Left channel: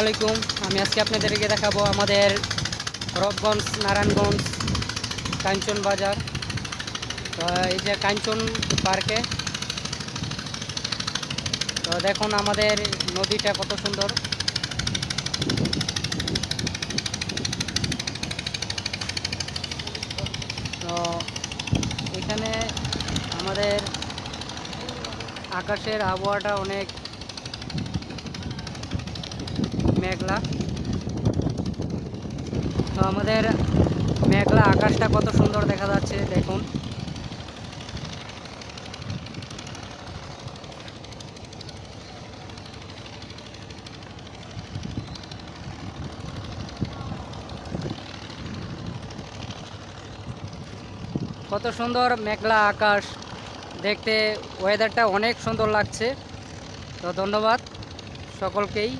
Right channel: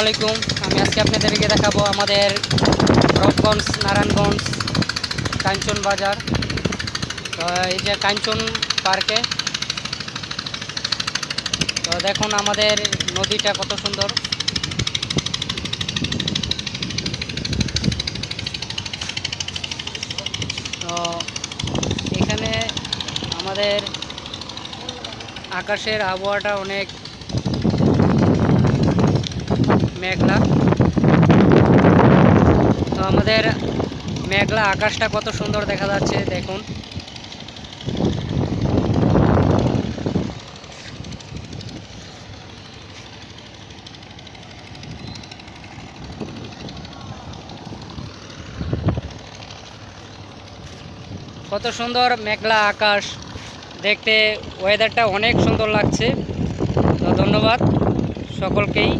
আলাইকুম। আমি আজকে আপনাদেরকে দেখাবো আমাদের রূপগঞ্জ, নারায়ণগঞ্জ, কাঞ্চন বাজার। তো এই যে কাঞ্চন পার্কে, তো দেখুন আমাদের নদীটা কত সুন্দর। তো এখানে আমাদের আকাশের আবহাওয়াটা অনেক মেঘলা। তো আমাদের মেঘলা আকাশটা কত সুন্দর দেখা যাচ্ছে দেখুন। কত সুন্দর মেঘলা আকাশ, দেখতে ওয়েদারটা অনেক সুন্দর লাগছে। তো ধন্যবাদ সকলকেই।